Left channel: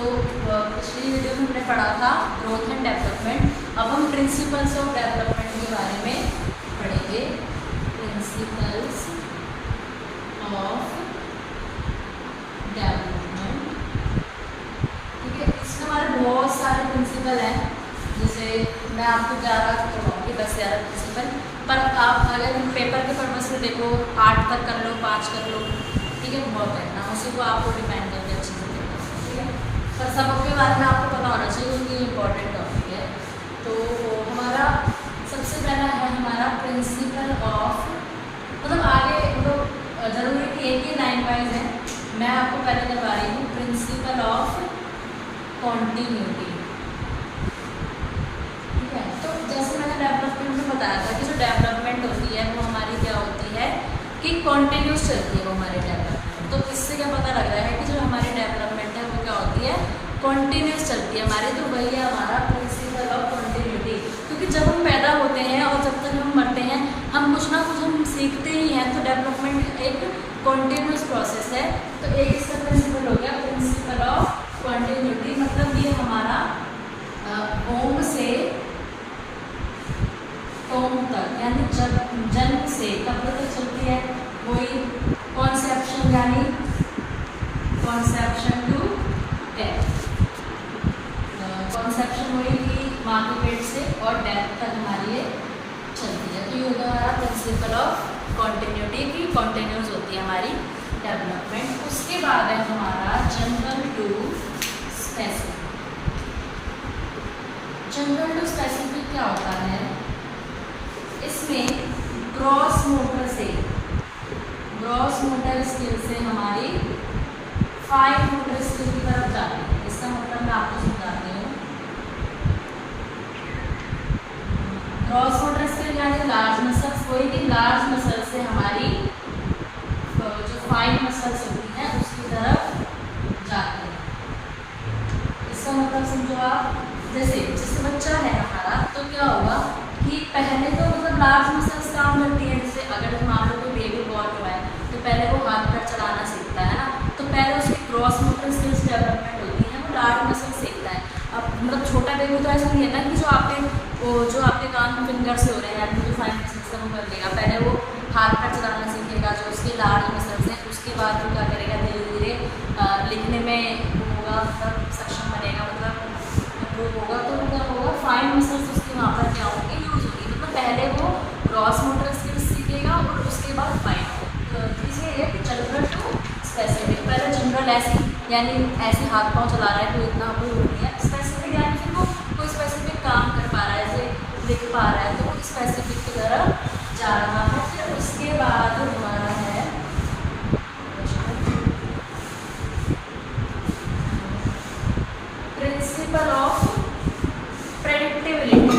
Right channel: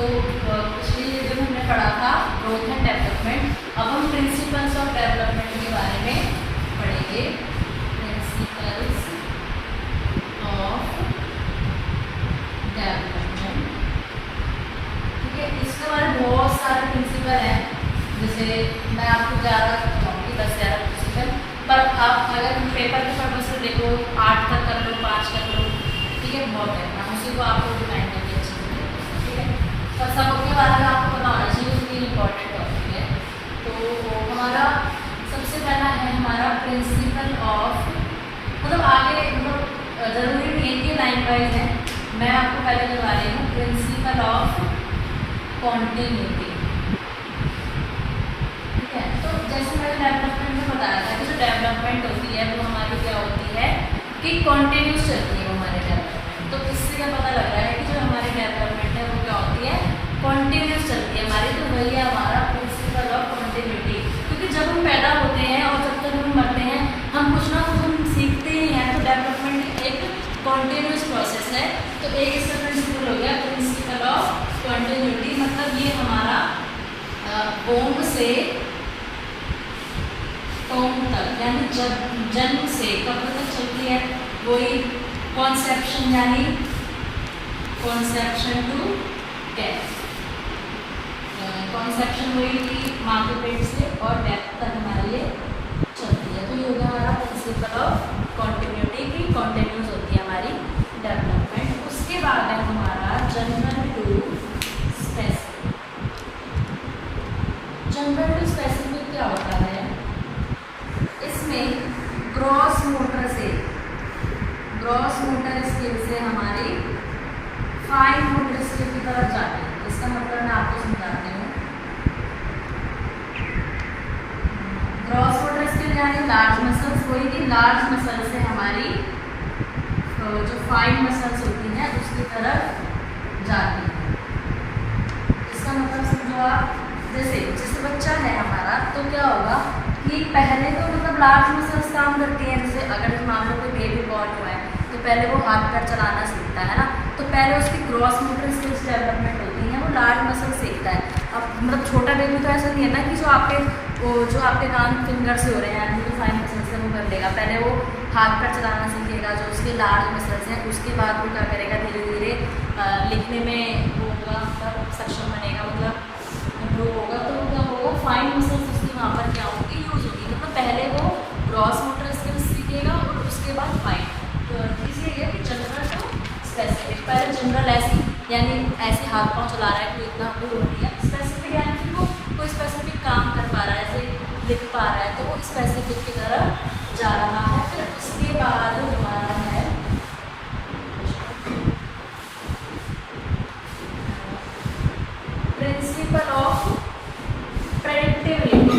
तो पिछली वीडियो में हमने पढ़ा था ग्रोथ एंड डेवलपमेंट। अब हम प्रिंसिपल्स ऑफ डेवलपमेंट के बारे में पढ़ेंगे। प्रिंसिपल्स ऑफ डेवलपमेंट, ठीक है। इसके हमारे बहुत सारे प्रिंसिपल हैं, जैसे मैं आपको 11 बताऊँगी, 10-11 प्रिंसिपल, पर आप अगर पेपर के पर्पज से देखो 8 तक कर लो, 5 कर लो, ठीक है, बहुत है ना, उसी को आपको डिपेंड करके अच्छे से देखो, ठीक है। पर सबके बारे में आपको पता होना चाहिए, उनकी इम्पोर्टेंट टॉपिक है। तो हमारा सबसे पहला है हमारा प्रिंसिपल ऑफ, मतलब आगे मतलब ज़रूरी नहीं है कि लाइन वाइज है, मैं आपको पहले बता रही हूँ प्रिंसिपल ऑफ कॉन्टिन्यूटी, ठीक है। तो जैसे मैंने डेवलपमेंट में बताया था कि जो डेवलपमेंट होती है वो हमारी क्या होती है कि कॉन्टिन्यूस चलती है वो हमारी डेवलपमेंट। तो इससे क्या पता लग रहा है कि जो हमारी डेवलपमेंट है वो क्या होती है, कॉन्टिन्यूस चलती है हमारी। तो वही है हमारा प्रिंसिपल ऑफ कॉन्टिन्यूटी, क्योंकि जब हम पैदा होते हैं और जब तक हम मरते हैं हम कुछ ना कुछ हम सीखते ही हैं। तो डेवलपमेंट एक कॉन्टिन्यूस प्रोसेस है। तो एक इसका प्रिंसिपल हो गया प्रिंसिपल ऑफ कॉन्टिन्यूटी, मतलब ये हमारा ओम से टोम तक, यानी जन्म से कब तक चलती है, वही कॉन्सेप्शन यानी कॉन्सेप्शन टू डेथ। कॉन्सेप्शन वही थी माँ के पेट से और डेथ तक हमारी ये चलती है। तो ये होगा हमारा प्रिंसिपल ऑफ कॉन्टिन्यूटी की कॉन्टिन्यूस होती है हमारी डेवलपमेंट। उसके बाद है हमारा general to specific. General to specific क्या होता है, इसमें ग्रॉस मोटर स्किल से हमारी फाइन मोटर स्किल की तरफ जाते हैं। इसका मतलब मैं आपको समझाती हूँ। ग्रॉस मोटर स्किल यानी लार्ज मसल्स, कोई भी लार्ज मसल से हमारी जो फाइन मसल्स होती हैं उसकी तरफ जाती है। इसका मतलब समझो आप, जैसे बच्चा है हमारा, तो क्या होगा कि पहले तो मतलब लार्ज मसल्स काम करती हैं। जैसे अगर मान लो कोई बेबी बॉर्न हुआ है तो पहले वो हाथ पैर चलाना सीखता है ना, तो पहले उसकी क्रॉस मोटर स्किल्स डेवलपमेंट होती है, वो लार्ज मसल सीखता है। अब मतलब छोटा बेबी तो ऐसा नहीं है ना कि जो आपके काम फिंगर से हो रहे हैं, यानी जो फाइन मसल्स है वो कर लेगा। पहले वो हाथ पैर चलाना सीखेगा, जो उसके लार्ज मसल्स हैं, उसके बाद वो क्या करेगा, धीरे धीरे लिखने में वो होगा, मतलब सक्षम बनेगा, मतलब इम्प्रूव होगा। तो क्या होगा, फाइन मसल्स उसकी वहाँ पर क्या होगी, यूज होगी। मतलब पहले वो क्रॉस मोटर स्किल्स सीखेगा और उसके बाद फाइन। तो इसलिए है कि जनरल टू स्पेसिफिक। पहले जनरल ऐसी यानी ऐसे हाथ पाँव चला रहा है, कोई इतना कोई हो नहीं है। स्पेसिफिक यानी कि वो कोई स्पेसिफिक काम कर पा रहा है, जैसे लिख पा रहा है, तो वो स्पेसिफिक की तरफ जा रहा है। फिर उसके बाद हमारा है principle of predictability.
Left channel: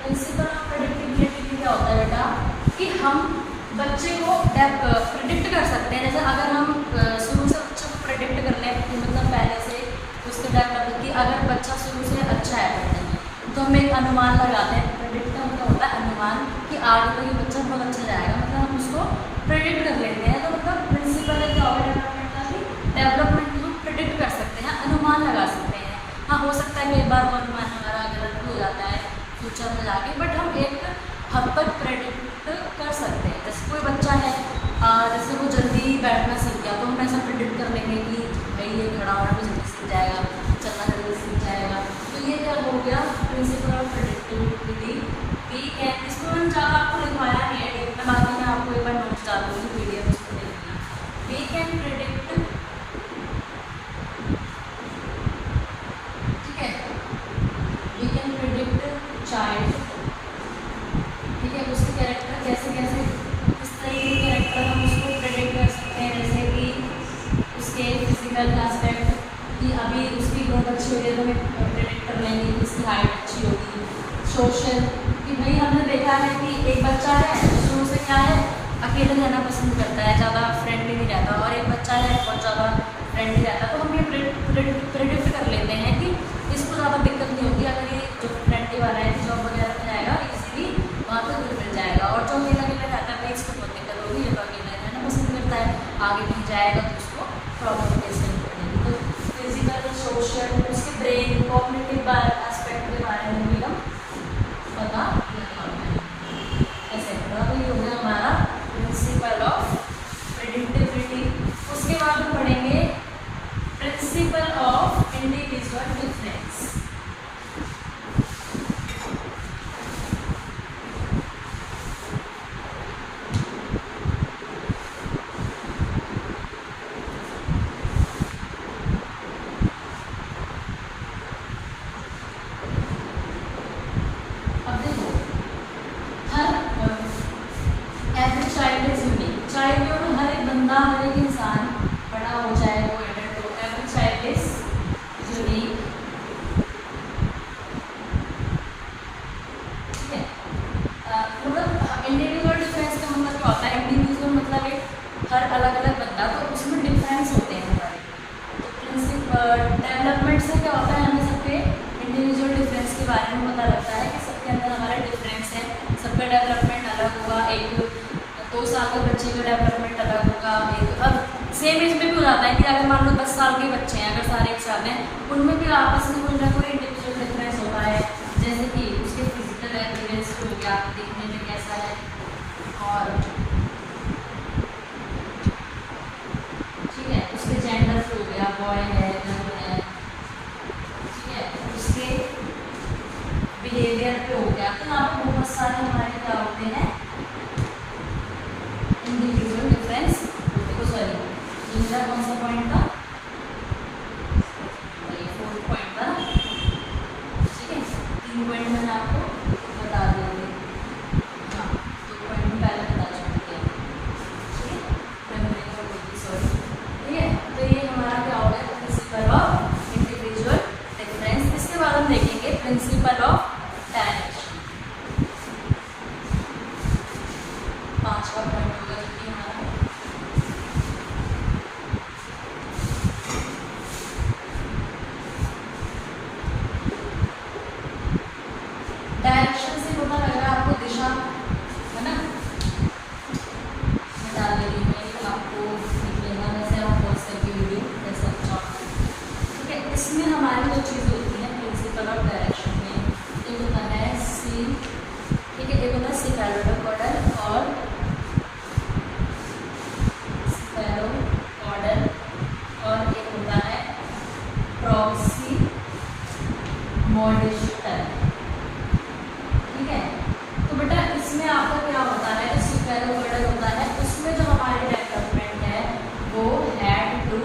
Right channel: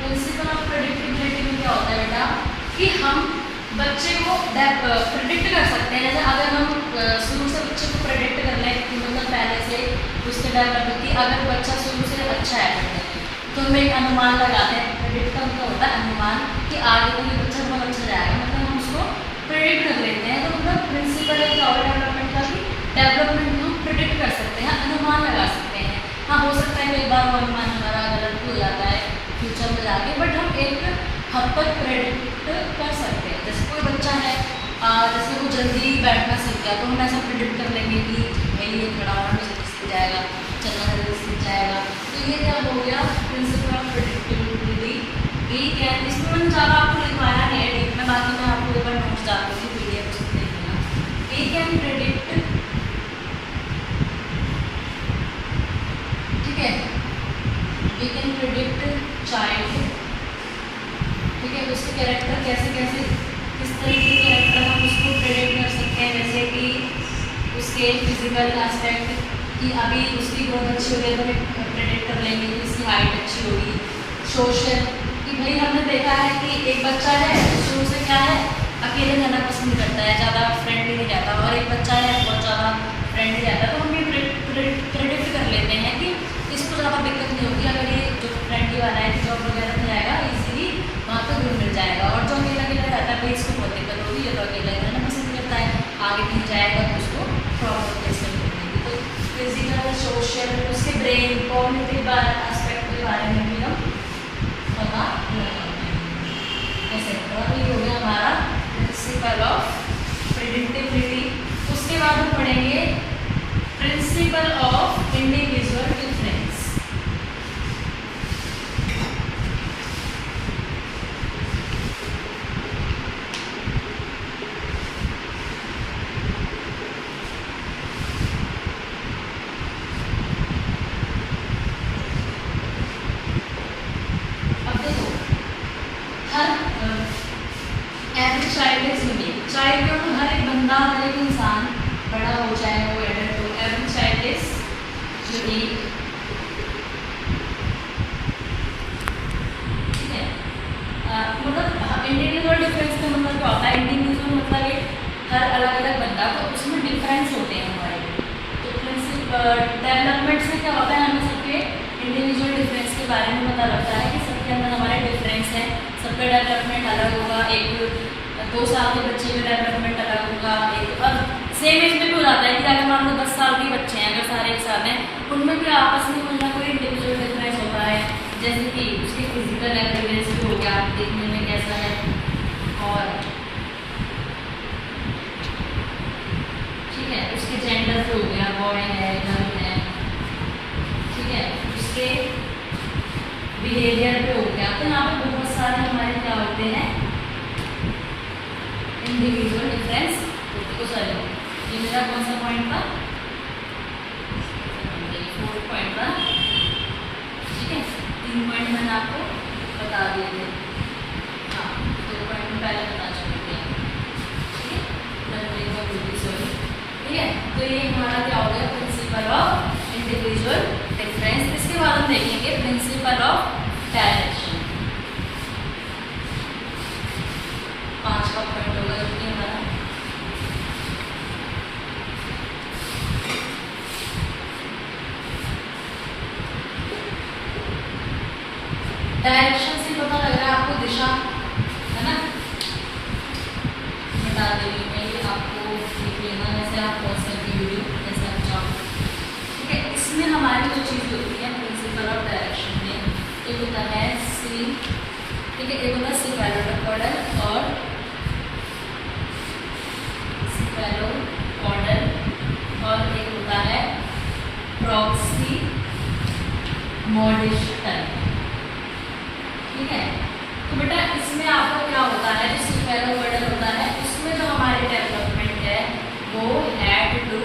Principle of predictability में क्या होता है बेटा, कि हम बच्चे को प्रेडिक्ट कर सकते हैं। जैसे अगर हम शुरू से बच्चे को प्रेडिक्ट कर लें कि मतलब पहले से उसके डेवलपमेंट की, अगर बच्चा शुरू से अच्छा है पढ़ने में, तो हम एक अनुमान लगाते हैं। प्रेडिक्ट का मतलब होता है अनुमान, कि आगे तो ये बच्चा बहुत अच्छा जाएगा, मतलब हम उसको प्रेडिक्ट कर लेते हैं। तो मतलब प्रिंसिपल है क्या होगा डेवलपमेंट का, कि डेवलपमेंट हम प्रेडिक्ट कर सकते हैं, अनुमान लगा सकते हैं। हाँ, हो सकता है कि एक बार वो अनुमान हमारा गलत भी हो जाता है फ्यूचर में जाके, बट हम एक हद तक प्रेडिक्ट कर सकते हैं। जैसे कोई बच्चा है, जैसे वो जल्दी बैठना सीख गया, तो हम ऐसा प्रेडिक्ट कर लेंगे कि भाई ये खड़ा होना भी जल्दी सीख जाएगा, चलना जल्दी सीख जाएगा। तो ये क्या हो गया, प्रिंसिपल ऑफ प्रेडिक्टिबिलिटी। ठीक है, इसमें मैंने ज़्यादा आपको लिखवाया नहीं है, मैं बाकी मैं आपको एक बार नोट्स डाल दूँगी, PDF उसको देखना। वी कैन प्रेडिक्ट, ठीक है, वी कैन प्रेडिक्ट चाइल्ड, ठीक है, उसके कैरेक्टर कैसे कैसे किस तरीके के कैरेक्टर हम उसको प्रेडिक्ट कर सकते हैं। जैसे कि उसके फिजिकल एस्पेक्ट, कि अभी उसकी ग्रोथ अच्छी हो रही है तो हमें प्रेडिक्ट कर लेंगे कि इसकी हाइट अच्छी होगी। सोशल, कि भाई हमने देखा है कि एक बच्चा है शुरू से क्या है, अकेले रहना पसंद करता है, ज़्यादा फ्रेंडली नहीं रहता, और एक बच्चा है बहुत ज़्यादा फ्रेंडली रहता है। तो हम ये प्रेडिक्ट कर लेते हैं कि इसको ज़्यादा दिक्कत नहीं होगी। अगर ये जो फ्रेंडली वाला है कि जॉब वगैरह में जाएगा इजीली वहाँ पे घुल मिल जाएगा। और जो अकेला अकेला रहता है भाई इसको बहुत दिक्कत होगी। ये तो अकेला ही रहना पसंद करता है, आगे कहीं जाएगा तो उसको प्रॉब्लम फेस करनी पड़ेगी। तो फिजिकल, सोशल, उसके ब्रेन, कॉग्निटिव एस्पेक्ट के बारे में भी हम पता ऐसे ये हो गया हमारा प्रिंसिपल ऑफ प्रेडिक्टिबिलिटी। उसके बाद हम पढ़ेंगे प्रिंसिपल ऑफ इंडिविजुअल डिफरेंस। अब देखो every child is unique. Child का तो हर एक बंदा, हर एक इंसान, बड़ा हो चाहे वो एडल्ट हो, एवरी चाइल्ड इज यूनिक। ठीक है, मतलब इंडिविजुअल डिफरेंस का मतलब क्या होता है? इंडिविजुअल मतलब एक हर अलग अलग बंदा, तो उसमें डिफरेंस होते हैं हमारे। तो प्रिंसिपल डेवलपमेंट से क्या होता है, हमें सबके इंडिविजुअल डिफरेंस के बारे में पता लगता है कि सबके अंदर हमारे डिफरेंस है, सबका डेवलपमेंट अलग होगा। एक 2 साल के बच्चे का डेवलपमेंट अलग होगा। एक अब सेम एज में भी हो जाता है कि अगर मान लो 10 साल के बच्चे हैं, अगर सारे एक साथ हैं, उनमें भी आपस में कोई ना कोई इंडिविजुअल डिफरेंस होता है। जैसे कि उसके फिजिकल अपीयरेंस भी हो गया, देखने में कैसा है, और ठीक है उसके जेंडर से हो गया, बॉय है, गर्ल है, ठीक है उसके बिहेवियर पे हो गया। तो यहाँ पर बहुत सारे हमारे क्या होते हैं इंडिविजुअल डिफरेंस। तो चलो ये मेरा कौन सा पॉइंट था? 4 पॉइंट था। ठीक है, 3 पॉइंट मैंने आपको बता दिए थे। हाँ 2 पॉइंट में पहले बता चुके थे। ठीक है, मैं एक बार बोलती सॉरी। ठीक है, तो ये हमारा क्या हो गया प्रिंसिपल ऑफ इंडिविजुअल डिफरेंस। इसके बाद हम देखेंगे प्रिंसिपल ऑफ डायरेक्शन। 5 का पॉइंट होगा जो कि हमारा डायरेक्शन से पता लग रहा है आपको दिशा, है ना? बता दे रही हूँ मैं आपको, देख लेना वैसे आप पॉज करके वीडियो जैसे आप चाहो। ठीक है, इसमें हमारी जो चीज़ होती है प्रिंसिपल ऑफ डायरेक्शन में, एक होता है सी, ठीक है, एक होता है सिफेलोपोडल और सिफेलोपोडल, और एक होता है प्रॉक्सिमोडिस्टल। ठीक है, तो बेटा इसमें आपका क्या होता है, जो सिफेलोपोडल होता है उसमें जो हमारी डेवलपमेंट है वो हेड टू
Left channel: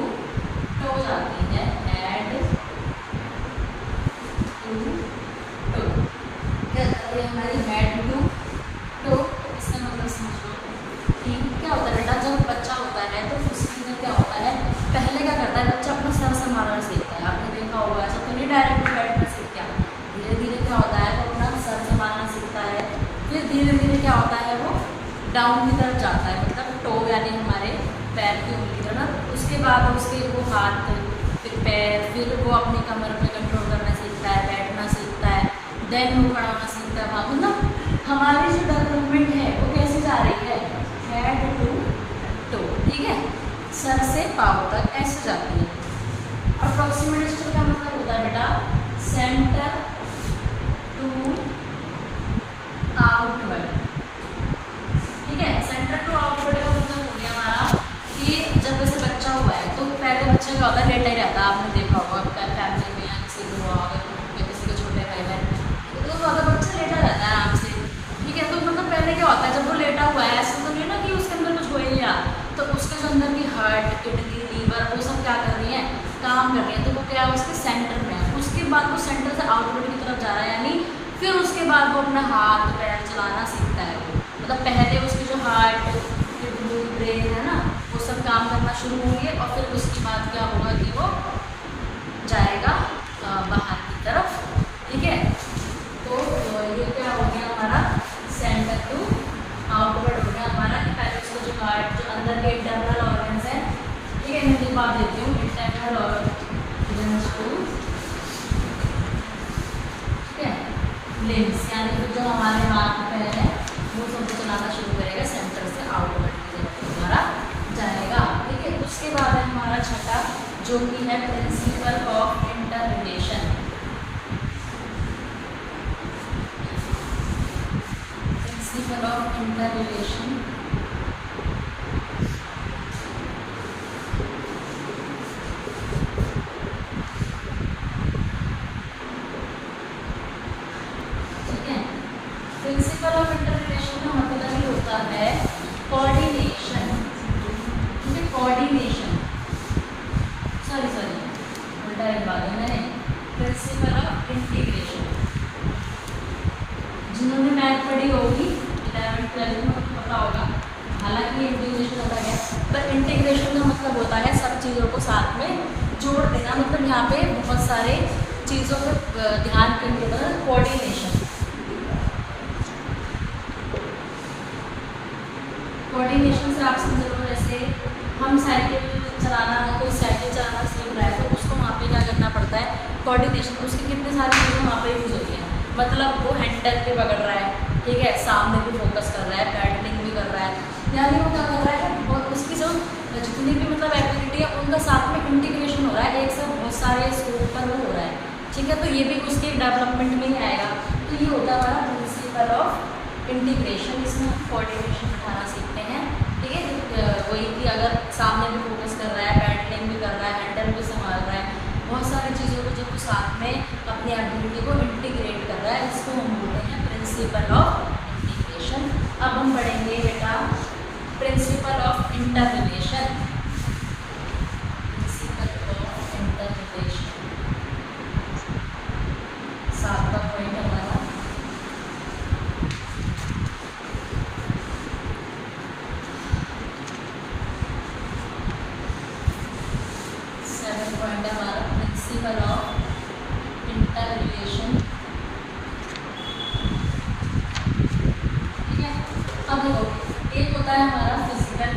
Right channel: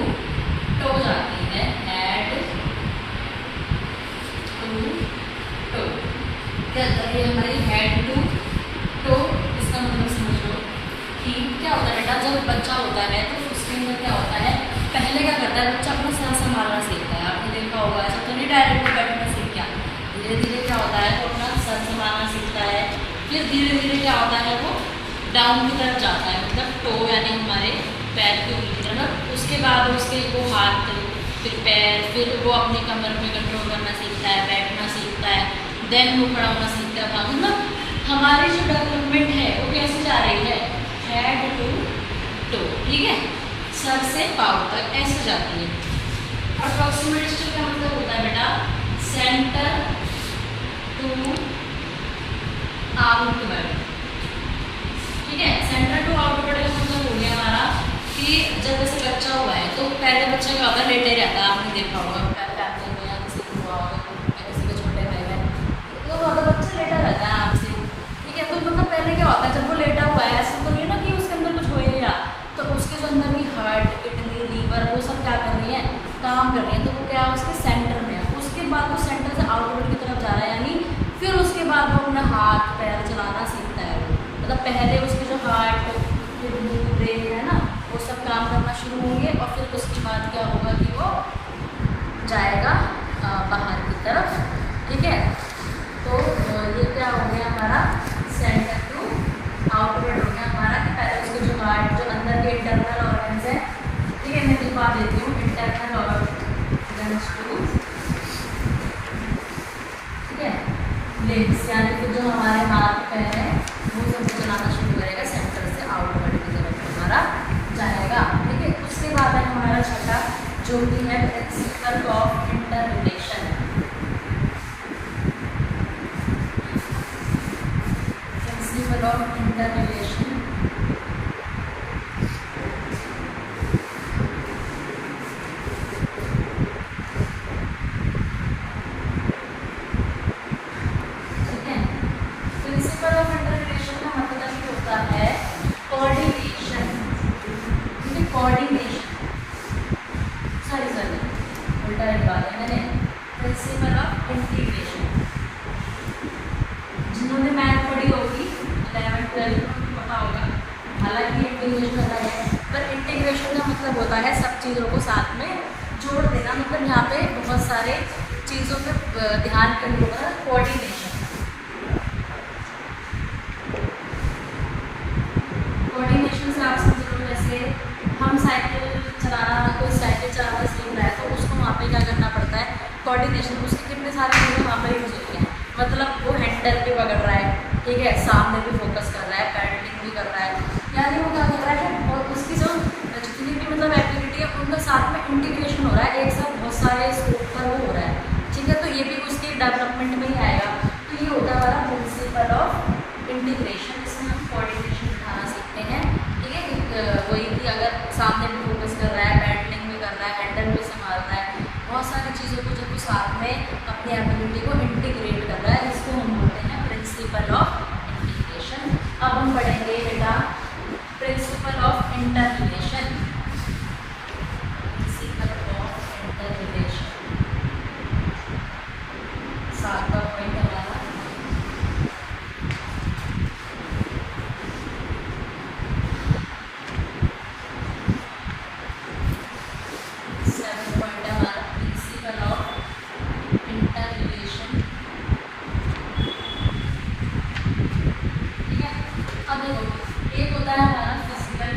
टो जाती है, हेड टू टो। ये हमारी हेड टू टो, इसका मतलब समझ लो कि क्या होता है बेटा, जब बच्चा होता है तो उसके अंदर क्या होता है, पहले क्या करता है बच्चा अपना सर संभालना सीखता है। आपने देखा होगा ऐसा तो नहीं डायरेक्ट बैठ कर सीख गया, धीरे धीरे क्या होता है वो अपना सर संभालना सीखता है। फिर धीरे धीरे क्या होता है वो डाउन की तरफ जाता है, मतलब टो यानी हमारे पैर की उंगली की तरफ। उसके बाद उसके वो हाथ, फिर पैर, फिर वो अपनी कमर पे कंट्रोल करना सीखता है, बैठना सीखता है, देन वो खड़ा होना सीखता है। भाग मतलब हमारी जो डेवलपमेंट है वो कैसे जा रही है, हेड टू टो। ठीक है, सर से पाँव तक ऐसे जाती है। और प्रॉक्सिमोडिस्टल का मतलब होता है बेटा सेंटर टू आउटवर्ड। ठीक है, सेंटर टू आउटवर्ड का मतलब हो गया हमारा कि जब वैसे बच्चा हुआ है तो पहले बच्चा क्या होता है, लेटा ही रहता है। आपने देखा होगा फैमिली में या किसी को हुआ होगा, किसी के छोटे भाई बहन तो ज़्यादा बच्चा लेटा रहता है आराम से। ठीक है, तो मतलब पहले क्या होता है जब वो लेटा हुआ है ऐसा तो नहीं ना कि उसके अंदर कुछ हो ही नहीं रहा, तो उसके जो अंदर की हार्ट, किडनी, लीवर वो सब क्या कर रही है, काम कर रही है। तो वो क्या है उसके सेंटर में है। उसके बाद वो सेंटर से आउटवर्ड की तरफ जा रहा है, यानी फिर उसके बाद वो अपना हाथ पैर चलाना सीखता है। वो मतलब पहले उसके जो हार्ट, किडनी, ब्रेन है ना वो सब काम करना शुरू होंगे, और फिर उसके बाद क्या होगा कि वो जाएगा बाहर की तरफ। ठीक है, तो ये क्या हो गया हमारा सेंटर टू आउटवर्ड हो गया हमारा कि पहले उसको जो हार्ट, जो अंदर के इंटरनल ऑर्गन्स हैं, ठीक है मैं दिखा देती हूँ, इंटरनल ऑर्गन्स टू जो कि है principal of inter relation. Principle of inter relation principle of inter relation का मतलब ये होता है कोऑर्डिनेशन, ठीक है, कोऑर्डिनेशन, सॉरी उल्टा लिखवा दिया मैंने, प्रिंसिपल ऑफ इंटीग्रेशन। जिन्होंने मैथ पढ़ी होगी 11th 12th में उनको पता होगा, हालांकि इंटीग्रेशन अलग है, पर इंटीग्रेशन का मतलब होता है सब चीज़ों को साथ में जोड़ देना। मतलब यहाँ पे बहुत सारे चीज़ों पे ध्यान केंद्रित करना, कोऑर्डिनेशन। कोऑर्डिनेशन से आप समझ लो जैसे हम साइकिल चलाना, कोई साइकिल चलाना सीख रहा है तो उसको वहाँ पे क्या करना पड़ता है, कोऑर्डिनेशन। उसकी कितने सारी चीज़ें वहाँ पे यूज़ होती हैं। मतलब वो हैंडल भी पकड़ रहा है, ठीक है, सामने भी फोकस कर रहा है, पैडलिंग भी कर रहा है, यानी वो क्या कर रहा है, और उसकी जो जितनी भी मतलब एक्टिविटी है उनका साथ में इंटीग्रेशन हो रहा है, एक साथ बहुत सारे स्कोप पर वो हो रहा है, ठीक है। तो ये भी उसके डेवलपमेंट में ही आएगा। तो ये होता है हमारा प्रिंसिपल ऑफ इंटीग्रेशन। इसमें हम कोऑर्डिनेशन दिखाना सीखते हैं, ठीक है। वही कि अगर सामने भी फोकस कर रहा है, पैडलिंग भी कर रहा है, हैंडल भी संभाल रहा है, बहुत सारी चीज़ों को जब वो साथ में अपनी एक्टिविटी को इंटीग्रेट कर रहा है, इसको हम बोलते हैं प्रिंसिपल ऑफ इंटीग्रेशन। अब हम पढ़ेंगे बेटा principle of inter relation. Principle of inter relation 7वां पॉइंट हमारा। प्रिंसिपल ऑफ इंटर रिलेशन, ठीक है। अब देखो एक होता है हमारा फिजिकल,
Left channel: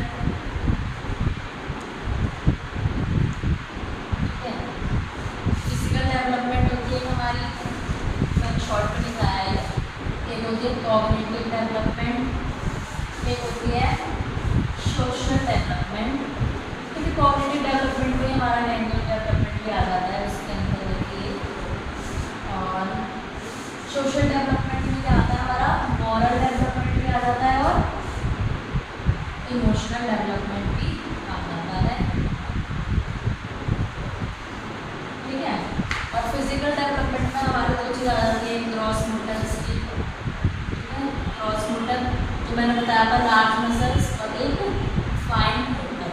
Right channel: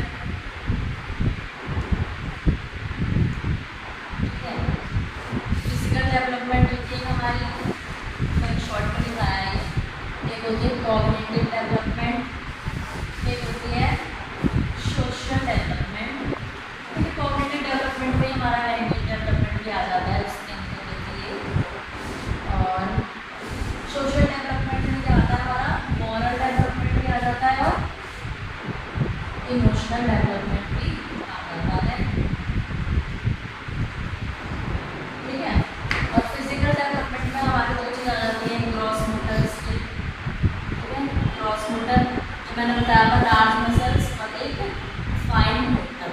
ठीक है, फिजिकल डेवलपमेंट होती है हमारी, मैंने शॉर्ट में लिखाया है। एक होती है कॉग्निटिव डेवलपमेंट, एक होती है सोशल डेवलपमेंट, ठीक है। कॉग्निटिव डेवलपमेंट में हमारा लैंग्वेज डेवलपमेंट भी आ जाता है उसके अंदर देखिए, और सोशल डेवलपमेंट में क्या आता है हमारा, मॉरल डेवलपमेंट भी आ जाता है और इमोशनल डेवलपमेंट भी आ जाता है, ठीक है। और फिजिकल डेवलपमेंट में हमारे दो चीज़ आ जाती है, ग्रॉस मोटर स्किल, ठीक है, ग्रॉस मोटर जो मैंने बताया था, लार्ज मसल्स, और एक फाइन मोटर,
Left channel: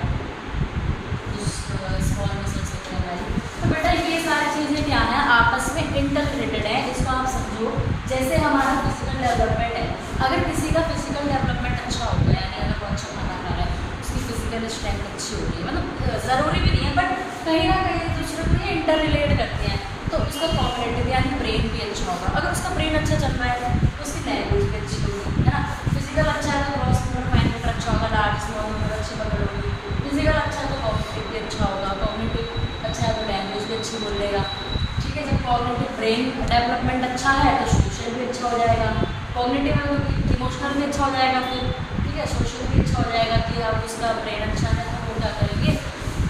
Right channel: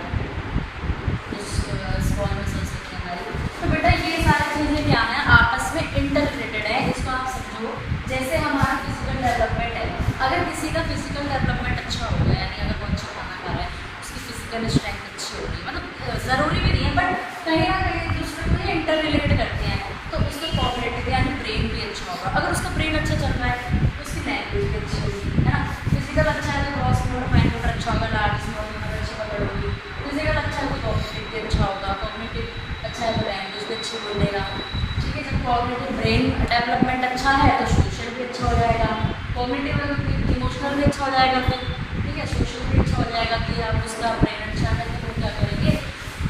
स्मॉल मसल्स होती है हमारी। तो बेटा ये सारी चीज़ें क्या हैं, आपस में इंटर रिलेटेड है, इसको आप समझो। जैसे हमारा फिजिकल डेवलपमेंट है, अगर किसी का फिजिकल डेवलपमेंट अच्छा हो गया, यानी अगर वो अच्छा खाना खा रहा है, उसकी फिजिकल स्ट्रेंथ अच्छी हो गई, मतलब ज़रूरी भी नहीं है बट कहीं ना कहीं एक दूसरे को ये इंटर रिलेट करते हैं, तो उसका कॉग्निटिव यानी ब्रेन भी अच्छा होगा। अगर उसका ब्रेन अच्छा चल रहा है तो उसकी लैंग्वेज भी अच्छी होगी, है ना। फिजिकल अच्छा है तो ग्रॉस मोटर, फाइन मोटर अच्छा होगा, लार्ज स्मॉल मोटर अच्छी पकड़ होगी। फिजिकल अच्छा है तो कॉग्निटिव भी अच्छा होगा, कॉग्निटिव अच्छा है तो लैंग्वेज भी अच्छी बोलेगा, ठीक है। जब कॉग्निटिव ब्रेन डेवलपमेंट अच्छा है तो सोशल भी अच्छा हो जाएगा, कॉग्निटिव इमोशनल भी अच्छा हो जाएगा, फिर ठीक है, सोशल भी अच्छा हो जाएगा। कि अब उसका ब्रेन अच्छा है तो वो क्या करेंगे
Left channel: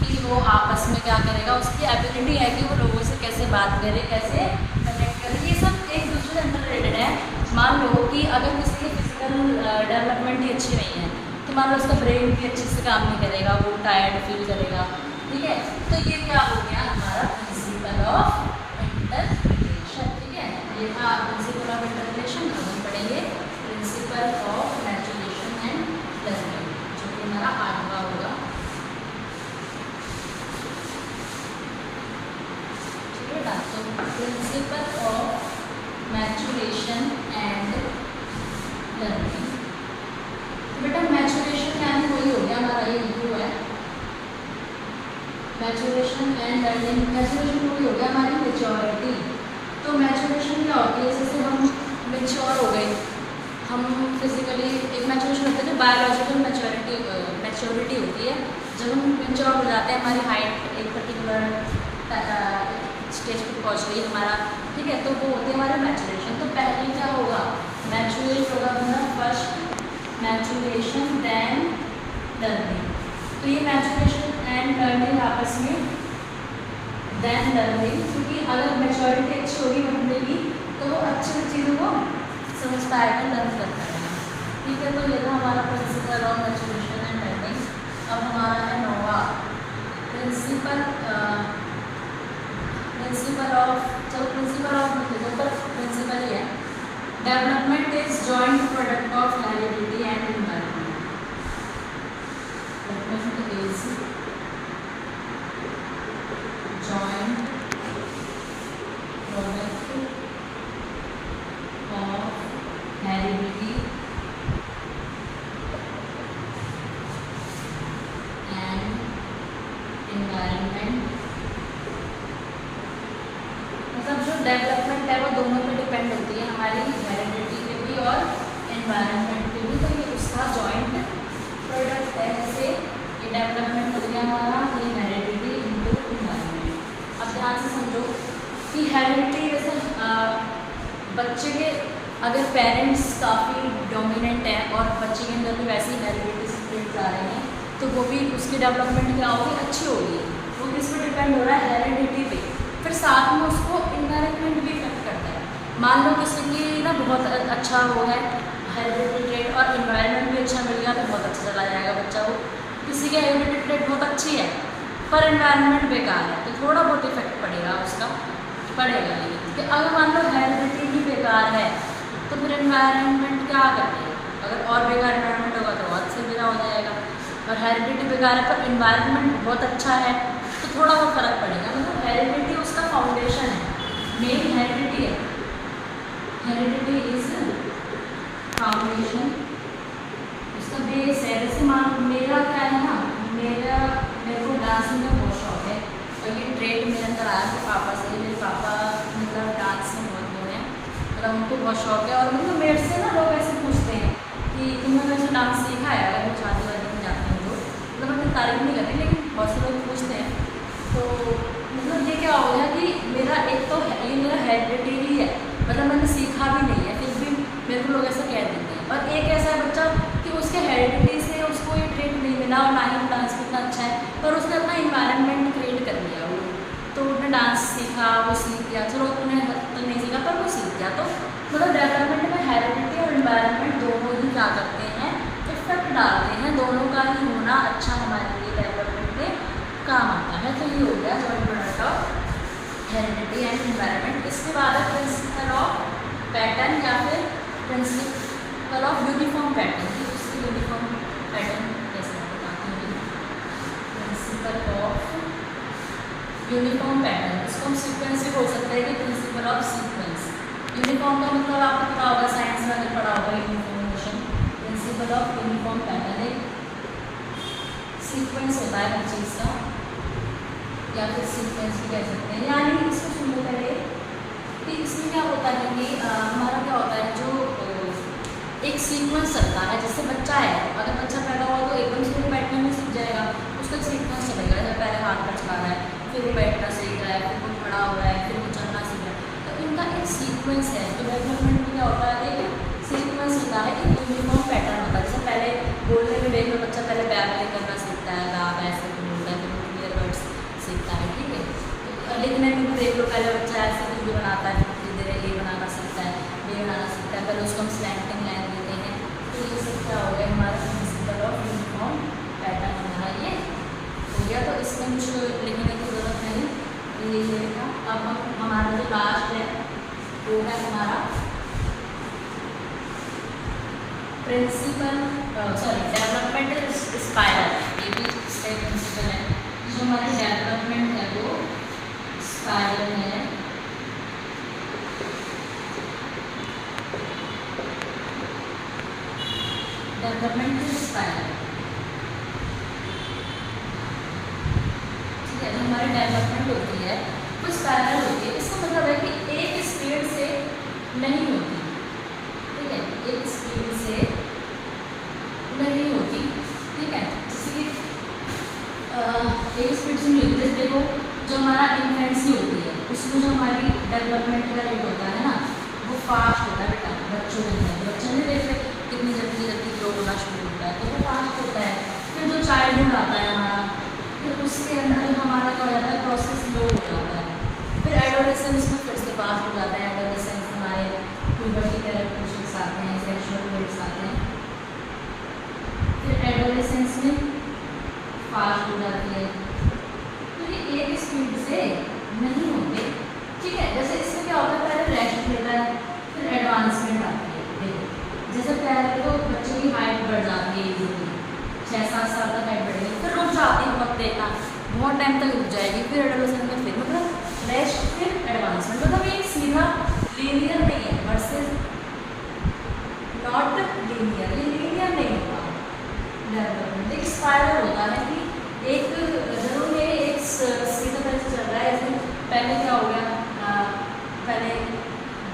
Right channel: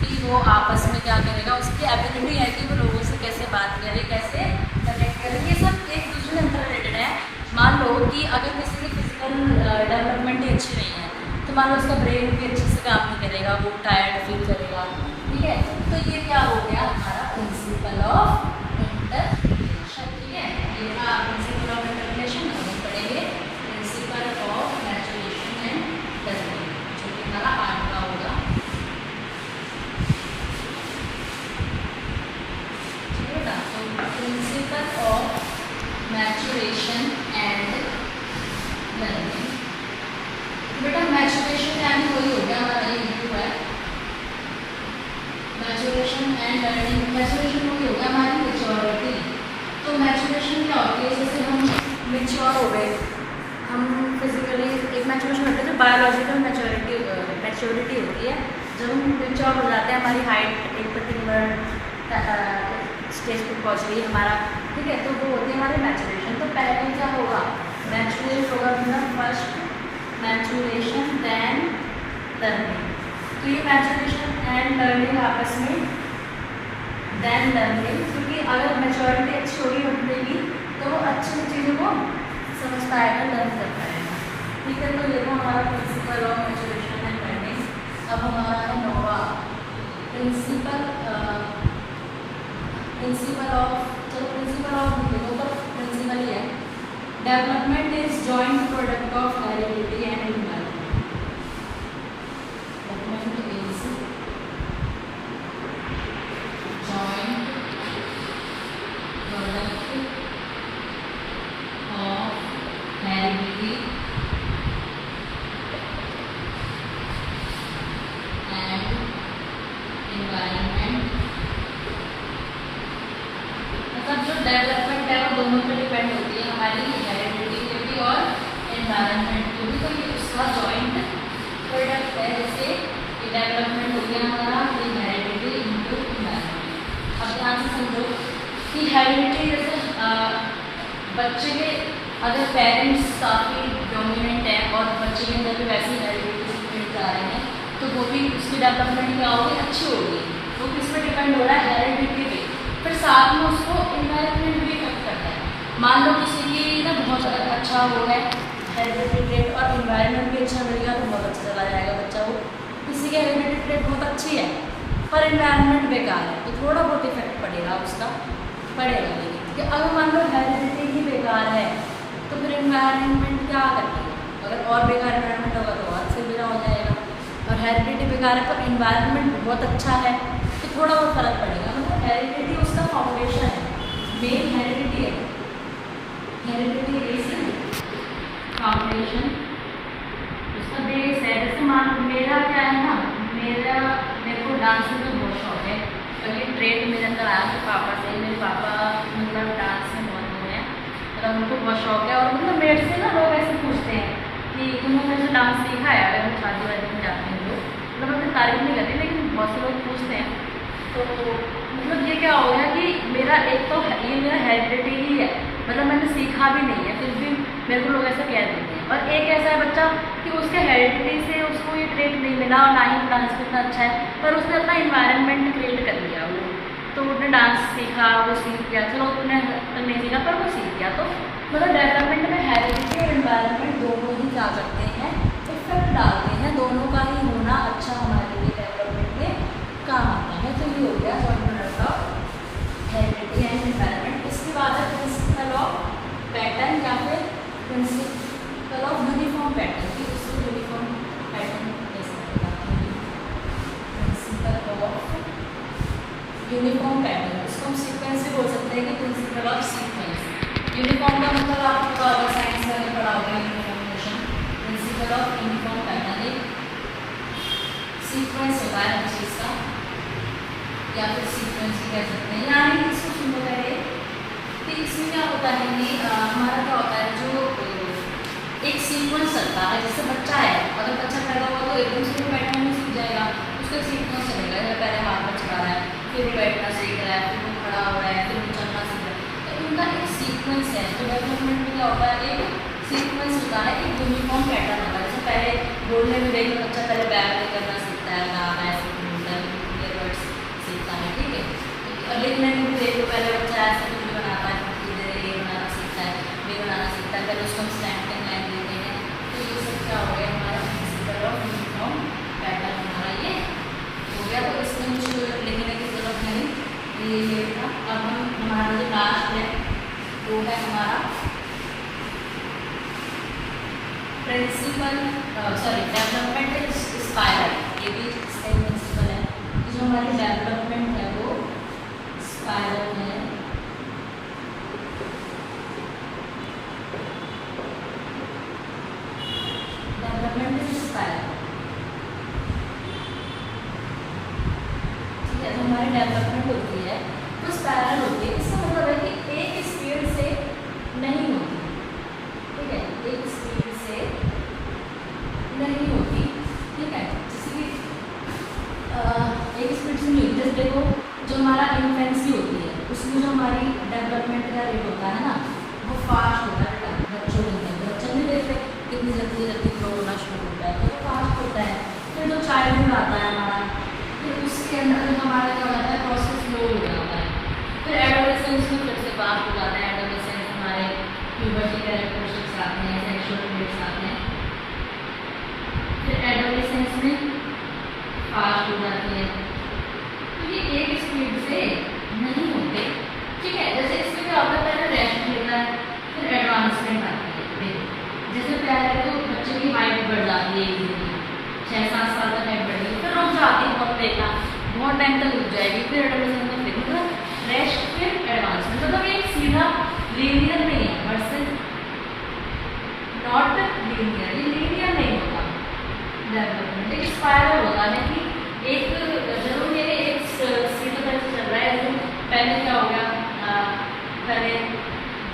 कि वो आपस में क्या करेगा, उसकी एबिलिटी है कि वो लोगों से कैसे बात करे, कैसे कनेक्ट करे, ये सब एक दूसरे से इंटर रिलेटेड है। मान लो कि अगर किसी की फिजिकल डेवलपमेंट ही अच्छी नहीं है तो मान लो उसका ब्रेन भी अच्छे से काम नहीं करेगा, वो टायर्ड फील करेगा, ठीक है। तो ये क्या हो गया हमारा प्रिंसिपल ऑफ इंटर रिलेशन, ठीक है। ये था प्रिंसिपल ऑफ इंटर रिलेशन। हम पढ़ेंगे principle of maturation and learning, जो कि हमारा 8वां होगा, ठीक है ना। तो principle of maturation and learning, बेटा मैचुरेशन यानी वही हो गया हमारा, ये लिखा है मैचुरेशन एंड लर्निंग। मैचुरेशन वही हो गया हमारी मेच्योरिटी। तो मैचुरेशन क्या होती है, जैसे हम मेच्योर हो गए, हम फिजिकली एक मैचुरेशन होता है जो बायोलॉजिकल मैच्योरिटी होती है। जब हम मेच्योर हो जाते हैं, हमारी हाइट एक पर्टिकुलर स्टेज पर पहुँच गई हमारा, ठीक है, तो वो होती है हमारी मैचुरेशन। तो पहले क्या होगा, मैचुरेट होगा हमारा फर्स्ट मैचुरेशन देन लर्निंग। तो ये मैचुरेशन एंड लर्निंग आपस में देन लर्निंग, क्योंकि अगर मैच्योरिटी अच्छी होगी बंदे की तो वो अच्छी चीज़ों को समझ पाएगा, लर्न कर पाएगा। ठीक है, तो ये था हमारा principle of maturation and learning. अब हमारा है 9वां प्रिंसिपल ऑफ, चलो प्रिंसिपल ऑफ देखो तो प्रिंसिपल ही है, development is joint product of heredity and environment. Development है वो दोनों पे डिपेंड होती है, हमारी हेरिडिटी पे भी और एनवायरनमेंट पे भी। तो ये उसका जॉइंट प्रोडक्ट है, जैसे ये डेवलपमेंट हो गया हमारा, ये हेरिडिटी इनटू एनवायरनमेंट। अब ध्यान से समझो कि हेरिडिटी जैसे बच्चे के अगर पेरेंट्स काफ़ी डोमिनेंट है और बच्चे के अंदर भी वैसे हेरिडिटी सीक्रेट आ रहे हैं, तो वो भी उसकी डेवलपमेंट क्या होगी, अच्छी होगी। वो किस पे डिपेंड हो रहा है, हेरिडिटी पे। फिर साथ में उसको इन्वायरमेंट भी इफेक्ट करता है। मान लो किसी की ना बहुत अच्छा वो है हेरिडिटी ट्रेट और इन्वायरमेंट भी अच्छा मिल गया तो बहुत अच्छा चला जाएगा बच्चा। वो किसी की हेरिडिटी ट्रेट बहुत अच्छी है पर इन्वायरमेंट बेकार है तो थोड़ा बहुत इफेक्ट पड़ेगा उसका, पड़ेगा। लेकिन कि अगर मान लो हेरिडिटी ही बेकार है तो फिर इन्वायरमेंट क्या करेगा, अगर और बेकार इन्वायरमेंट होगा तो और से बुरा हो जाएगा। और हेरिडिटी बेकार है पर इन्वायरमेंट बहुत अच्छा है तो थोड़ा बहुत फर्क पड़ेगा। मतलब हेरिडिटी उसका फाउंडेशन है, मेन हेरिडिटी है, हेरिडिटी इज फाउंडेशन, उसका बेस है। जैसे मान मेरा क्या है ना, मेरे को डांस में बहुत शौक है और ये ट्रेड मेरे अंदर आया मेरे पापा से। मेरे पापा मतलब डांस में बहुत वो हैं, मतलब उनको बहुत शौक है। और मतलब मेरे से ना लोग ऐसे पूछते हैं कि तुमने मेरे से डांस सीखा है, अगर मैं शादी वादी में जाती हूँ तो मतलब मैं तारीफ नहीं करती लेकिन बहुत से लोग पूछते हैं। तो मतलब ये क्या हो गया कि मेरा एक तो ये मेरा हेरिडिटी ही है, मतलब मैंने सीखा भी नहीं है फिर भी मेरे को लोग ऐसा कह देते हैं। और एक ऐसा है बच्चा कि उसके हेरिडिटी से उसको ये ट्रेट नहीं मिला और ना ही डांस कितना अच्छा है पर उसने अपना इन्वायरमेंट क्रिएट कर लिया वो, तो उसने डांस सीखा, वो सीख गया, चलो उतने तक नहीं सीखा पर वो सीख गया। तो मतलब डेवलपमेंट में हेरिडिटी और इन्वायरमेंट दोनों ही क्या करते हैं, इफेक्ट डालते हैं। दोनों का ही होना अच्छा हमारे लिए डेवलपमेंट में काम आता है। तो ये हो गया joint product of heredity and environment. इसके बाद है प्रिंसिपल ऑफ पैटर्न या फिर प्रिंसिपल ऑफ यूनिफॉर्म पैटर्न, कि उससे यूनिफॉर्म पैटर्न कैसे बताते हैं। प्रिंसिपल ऑफ यूनिफॉर्म पैटर्न, इसको हम सीक्वेंस भी बोल सकते हैं कि प्रिंसिपल ऑफ सीक्वेंस। यूनिफॉर्म का मतलब आपको पता होगा, साइंस में पढ़ा होगा यूनिफॉर्मेशन। प्रिंसिपल ऑफ यूनिफॉर्म पैटर्न एक सीक्वेंस होता है हर चीज़ का, या फिर सीक्वेंस भी कह सकते हैं। यानी इसको सुनने पहले कि इसमें क्या होता है कि हमारा क्या होता है, जो एक सीक्वेंस चलता है। जैसे बच्चा है, अगर बच्चा पैदा हुआ तो एकदम से वो बैठना नहीं सीख जाएगा, उसका एक सीक्वेंस चलेगा। जैसे पहले हाथ पर चला रहा है, फिर वो बैठना सीख रहा है, फिर वो खड़ा हो रहा है, फिर वो चलना सीख रहा है। तो इनका एक सीक्वेंस है। तो डेवलपमेंट में क्या होता है, एक सीक्वेंस होता है, एक यूनिफॉर्म पैटर्न होता है। जैसे पहले बोलने में देख लो, बच्चा पहले बैक करना सीखता है, गाना ऐसे बोलता है, क्लियर वर्ड्स सीखता है, ठीक है। लिखने में भी देख लो, पहले बच्चा ऐसे कुछ बनाता है, धीरे धीरे ए बनाना सीखता है, बी बनाना सीखता है, पहले उसको हम स्लैंटिंग लाइन देते हैं। तो ये सब क्या हो गया, हमारा प्रिंसिपल ऑफ यूनिफॉर्म पैटर्न हमारा ये हो गया। तो इसमें कुछ लिखने की जरूरत नहीं, ये था। अब हम हमारा जो लास्ट है वो है हमारा प्रिंसिपल डेवलपमेंट स्टाइल। ये भी इसका प्रिंसिपल है। जो हमारी डेवलपमेंट है वो स्पाइरल है। डेवलपमेंट इज स्पाइरल, ठीक है। जो हमारी डेवलपमेंट होती है वो स्पाइरल होती है। इसका मतलब है कि एक स्पीड से नहीं होती, ठीक है, एक स्पीड से नहीं होती, ठीक है। जैसे एक स्पीड से नहीं होती। देखो जो हमारा इन्फेंसी होती है उसमें जो हमारी डेवलपमेंट का रेट होता है ना वो फास्ट होता है बेटा, बच्चों के अंदर। बच्चों ने देखते कितनी जल्दी जल्दी ग्रो होना शुरू होता है, तो वो फास्ट होता है। फिर जो चाइल्डहुड आता है हमारा, फिर उसके अंदर हमारा क्या हो जाता है, प्रोसेस स्लो हो जाता है। फिर एडोलेसेंस में फिर से फास्ट हो जाता है। एडोलेसेंस हमारे प्यूबर्टी कैरेक्टरिस्टिक्स आते हैं, सेक्सुअल ट्रेट्स आते हैं। फिर एडोलेसेंस में फास्ट हो जाती है, तो ये एक स्पीड से नहीं होते, ठीक है। जैसे इसमें क्या होता है, पहले रेस्ट लेता है, फिर एडवांसमेंट आती है। देखो जैसे पहले तो बच्चे की हाइट बढ़ जाती है इजीली, 6-7 साल तक हाइट बढ़ेगी, फिर रुक जाती है, बहुत देखना बहुत टाइम तक रुक जाएगी, फिर एडोलेसेंस में फिर मतलब रेस्ट फिर एडवांसमेंट, मतलब एक सीधा लीनियर नहीं है, वर्सेस नॉट लीनियर, ये लीनियर नहीं होता डेवलपमेंट, एक स्पाइरल होता है कि एक जरूर ये एक सीधा तरह से चल रहा है। इसमें पहले क्या हो गया, पहले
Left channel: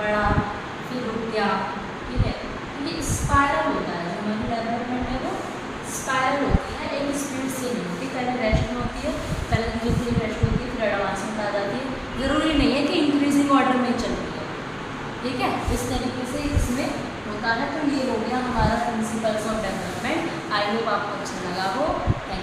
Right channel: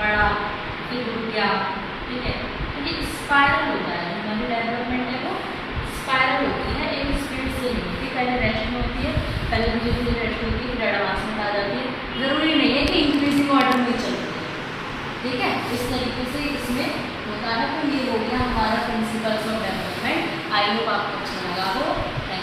बड़ा फिर रुक गया, ठीक है। तो ये स्पाइरल होता है, जो हमारी डेवलपमेंट है वो स्पाइरल होती है, एक स्पीड से नहीं होती। पहले रेस्ट में होती है, पहले मुझे पूरी रेस्ट होती है, फिर एडवांसमेंट आ जाती है। ज़रूरी नहीं है कि इंक्रीजिंग ऑर्डर में चलती है, ठीक है। इस तरीके से इसमें होता है। तो ये हो गया हमारा principles of development. I hope आपको अच्छा लगा हो। Thank you.